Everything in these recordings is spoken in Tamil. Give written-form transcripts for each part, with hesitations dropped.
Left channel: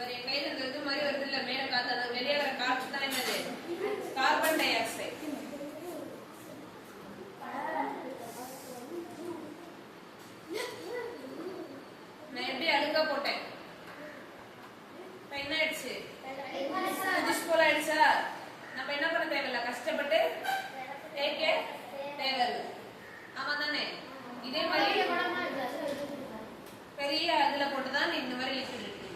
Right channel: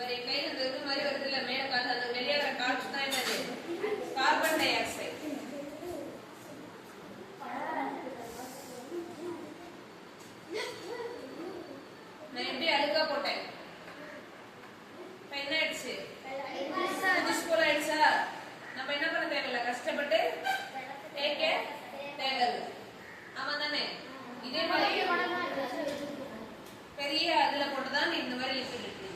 మరి ఎక్కడైనా ఇది మరి వదిలే మేడ కాదు అది வெளியேற காற்று தான் என்னது கார்பன் டை ஆக்சைடு நான் எப்படி அழுக்கா போட்டேன் இப்போ என்ன ஆயிடுச்சு புதுசு போல ஆயிடுச்சா நம்ம என்ன பண்ண தேவையில்ல கஷ்டப்பட்டு தேய்க்க தேவையில்லை ஆமா தானே இதே மாதிரி பெரிய அதுல போட்டுதான் இந்த மாதிரி லிக்விட் இருக்கு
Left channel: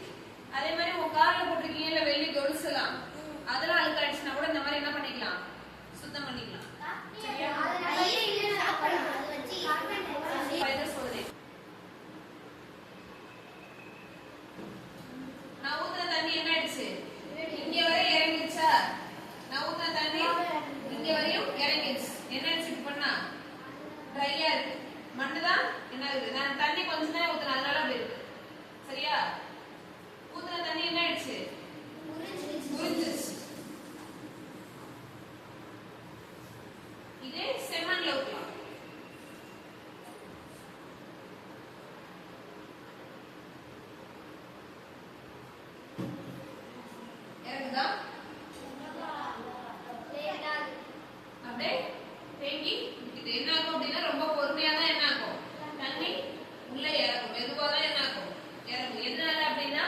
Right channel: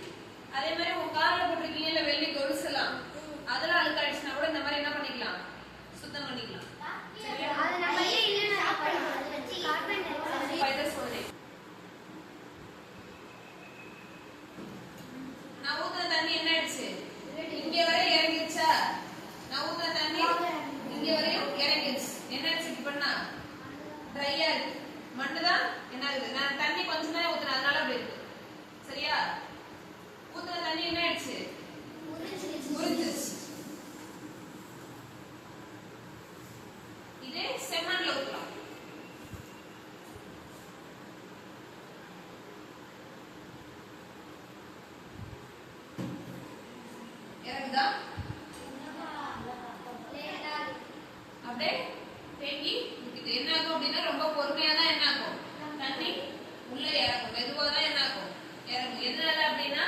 அதே மாதிரி உங்க கார்ல போட்டிருக்கீங்கல்ல வெள்ளி கொலுசெல்லாம் அதெல்லாம் அழுக்காயிடுச்சுன்னா கூட இந்த மாதிரி என்ன பண்ணிக்கலாம் சுத்தம் பண்ணிக்கலாம் சரியா நான் ஊத்துன தண்ணி என்ன ஆயிடுச்சு இங்க வரை இறங்கிடுச்சா நான் ஊத்துன தண்ணி இங்க வரையும் இறங்கிடுச்சு என்ன ஆயிடுச்சு பண்ணா ட்ரையா இருக்கு மண்ணுதான் என்ன ஆகுது நான் தண்ணி கொஞ்சம் தான் ஊத்துறேன் அதனால அப்படி இருக்கு சரியா ஊத்துன தண்ணி என்ன ஆயிடுச்சு உறிஞ்சிருச்சு இதே செம்மண்ல ஊத்தலாம் இறங்குதா அப்படியே தேங்கி இது என்ன ஆகும் அப்படின்னா ரொம்ப பொறுமையா தான் என்ன ஆகும் தண்ணி உள்ள இறங்கும் மெதுவா தான் என்ன ஆகும் இறங்கும் எதனால அப்படின்னா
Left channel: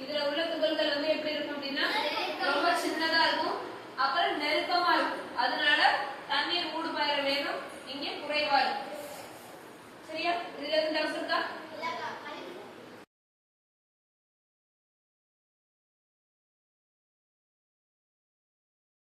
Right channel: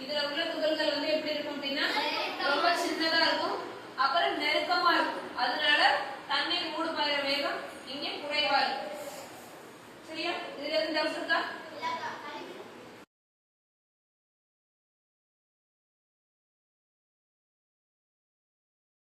இதுல உள்ள துகள்கள் வந்து எப்படி இருக்கும் அப்படின்னா ரொம்ப சின்னதா இருக்கும் அப்புறம் நெருக்கமா இருக்கும் அதனால தண்ணீர் மூடுபாயிற வேகம் இங்க குறைவா இருக்கும் சரியா இதுல